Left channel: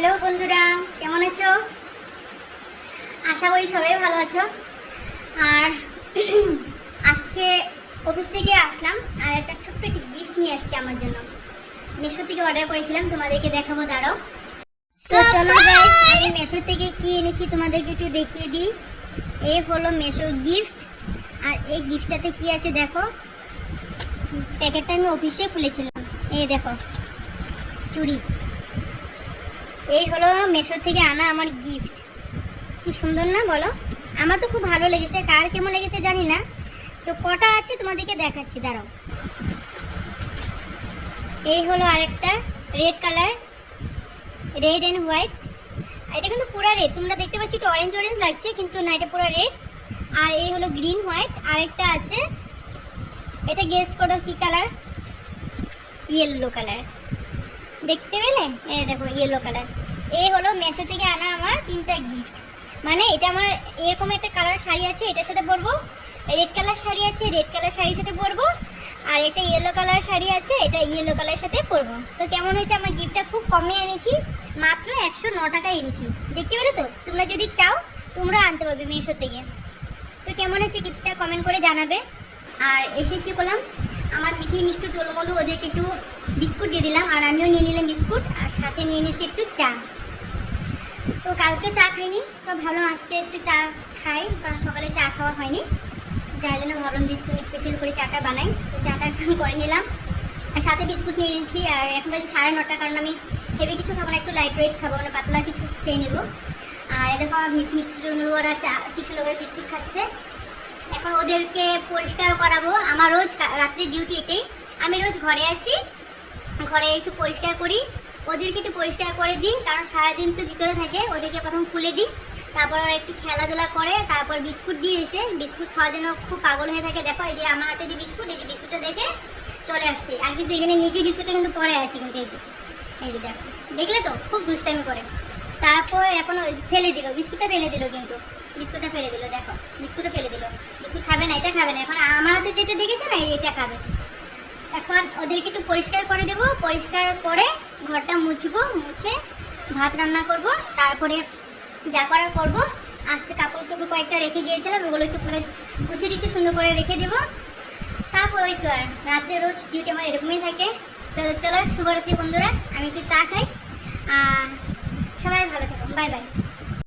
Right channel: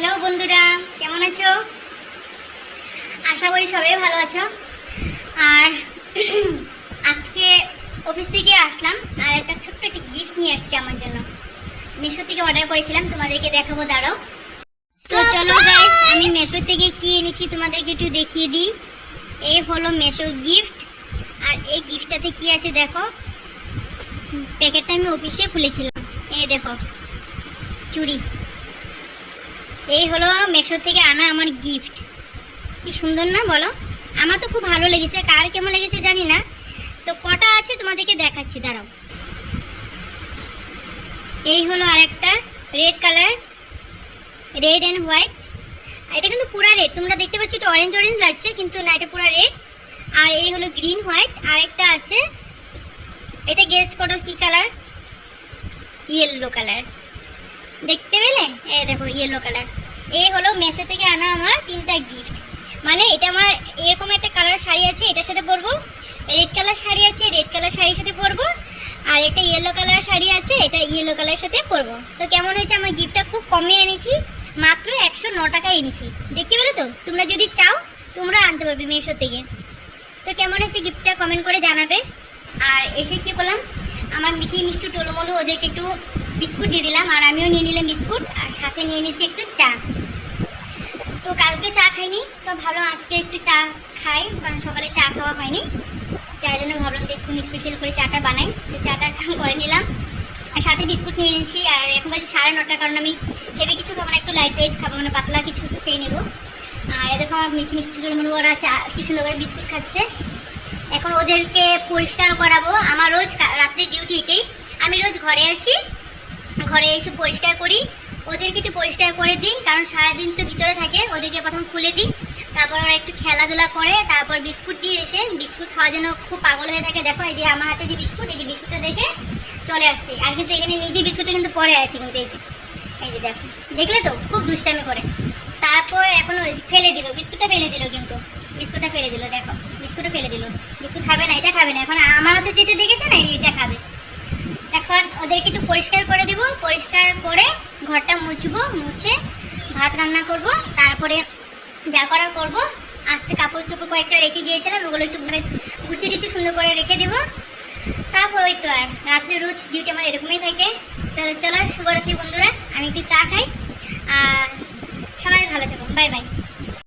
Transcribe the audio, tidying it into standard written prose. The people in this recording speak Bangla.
হ্যালো বন্ধুরা, কেমন আছো? আশা করি সবাই ভালো আছো। আর আজকে অফিস থেকে আসলাম আর একটা ছোট্ট একটা গিফট নিয়ে আসছি আমার জন্য। মেশো থেকে অর্ডার করেছিলাম, তোমাদেরকে দেখাবো, দাঁড়াও। তো চলো গাইস, আমি মেশো থেকে কি এনেছি তোমাদেরকে একটু দেখিয়ে দিই। এই হলো মেশোর গিফট। আর এই গিফটটাতে কি আছে দেখো। প্যাকেটটা আমি অফিসে খুলেছিলাম। এই দেখো, চুড়ি। এই হলো মেশো থেকে আনা আমার গিফট। কি সুন্দর না বলো? আমার তো খুব ভালো লেগেছে, কার কেমন লেগেছে জানি না। তো কটা আছে তোমাদেরকে দেখাচ্ছি, দাঁড়াও। এই হলো আরেকটা red colour, red and white. এটা কিন্তু পুরো রেড, তোমরা দেখতে পাচ্ছ এটা অরেঞ্জ অরেঞ্জ লাগছে, কিন্তু না, এটা পুরো রেড। আর এই হলো গ্রিন হোয়াইট। আরেকটা আছে, এটা গেস্ট করো কি কালার? Yellow colour. দেখতে পেলে? হ্যাঁ দেখো, ইয়েলো কালার। এই হলো মেশো থেকে আনা আমার তিনটা গিফট। মানে এটা আমার এরকম একটা কালার শাড়ি আছে, এটার সাথে পরবো। রেড কালার শাড়ি আছে, রেড কালার শাড়ির সাথে পরবো। আর একটা ইয়েলো কালার শাড়ি আছে, এটা ইয়েলো কালারের সাথে পরবো। তো কেমন হয়েছে? আমার গিফটটা খুব কমে এনেছি, মাত্র 109 টাকা এনেছি। দেখতে পেলে তো? তোমরা যদি চাও তোমরা আনতে পারবে মেশো থেকে। তো কেমন হয়েছে গিফটটা কমেন্ট করে জানাবে। আর এসে কি বললাম, আমার মিঠি মিষ্টি টোলমলু ওদেরকে একটু বিস্কুট দিয়ে দিলাম, আর আমিও নিয়ে নিলাম বিস্কুট, আর সাথে নিয়ে নিচ্ছি একটু চা। তো কালকে চা খাইনি, তো ভালো আজকে একটু চা খাই, কারণ সকালে চা খাওয়া হয়নি, যার জন্য ভাবলাম যে একটু স্পেশাল করে চাটা বানাই। তো চাটা করে নিলাম, আর সাথে বিস্কুট নিয়ে নিয়েছি। আর এখন বাজে 9:30, কারণ আমি হেভি কিছু খাবো না, একটু লাইট ওয়েট খাবো, মানে পাতলা কিছু খেয়ে নেবো। আর এরকম আমার মিঠি মিষ্টি টোলমলু ওরা চা কি সুন্দর করে বিস্কুট খাচ্ছে। এখন ওদেরকে পরিষ্কার করাবো। আমার রোজ রাত্রি ডিউটি এটাই, আমি রোজ ঘরে আসি, ঘরে এসে পরিষ্কার করি, ওদেরকে একটু পরিষ্কার করে দিই, কারণ সারাদিন তো ভিতরে থাকে। ওদেরকে প্রথম খুলে দিই, তারপর ওরা একটু খেলাধুলা করে, তারপর বিস্কুট দিয়ে এসে বিস্কুট খাওয়ার জন্য খুব পাগল হয়ে থাকে। দেখো এই যে আমার হাতে যে বিস্কুট, এই যে বিস্কুটটা দেখে চলে আসছি। আর কিন্তু এখানে নিজে বিস্কুটটা কিন্তু পরে আছে, কিন্তু এই যে দেখো, দেখলে তো খুব দুষ্টামি করে। তারপর এখন ফেলে দিল, বিস্কুটটা ফেলে দিল, কিন্তু বিস্কুটটা ফেলে দিল, দেখো বিস্কুটটা ফেলে দিল। বিস্কুট খাবে না, এটা খাবে না। এখন আমার হাতে যেটা দেখেছে না, এটা খাবে। এখন ওদেরকে একটু পরিষ্কার করে দেবো, পরিষ্কার করে ঘরটা মুছবো, মুছে ভাত রান্না করব, তারপরে যা করার করবো। আজকে কাপড় চোপড় কয়েকটা রেখে গিয়েছিলাম, ওগুলো একটু গুছিয়ে টুচি সুন্দর করে রেখে দেবো। তারপর ওই তো আর রাত্রে রোজ ডিউটি আমার এরকমই থাকে। তো চলো, শুভরাত্রি বন্ধুরা, আমি একটু চা খাই, আর সবাই ভালো থাকো, বাই বাই।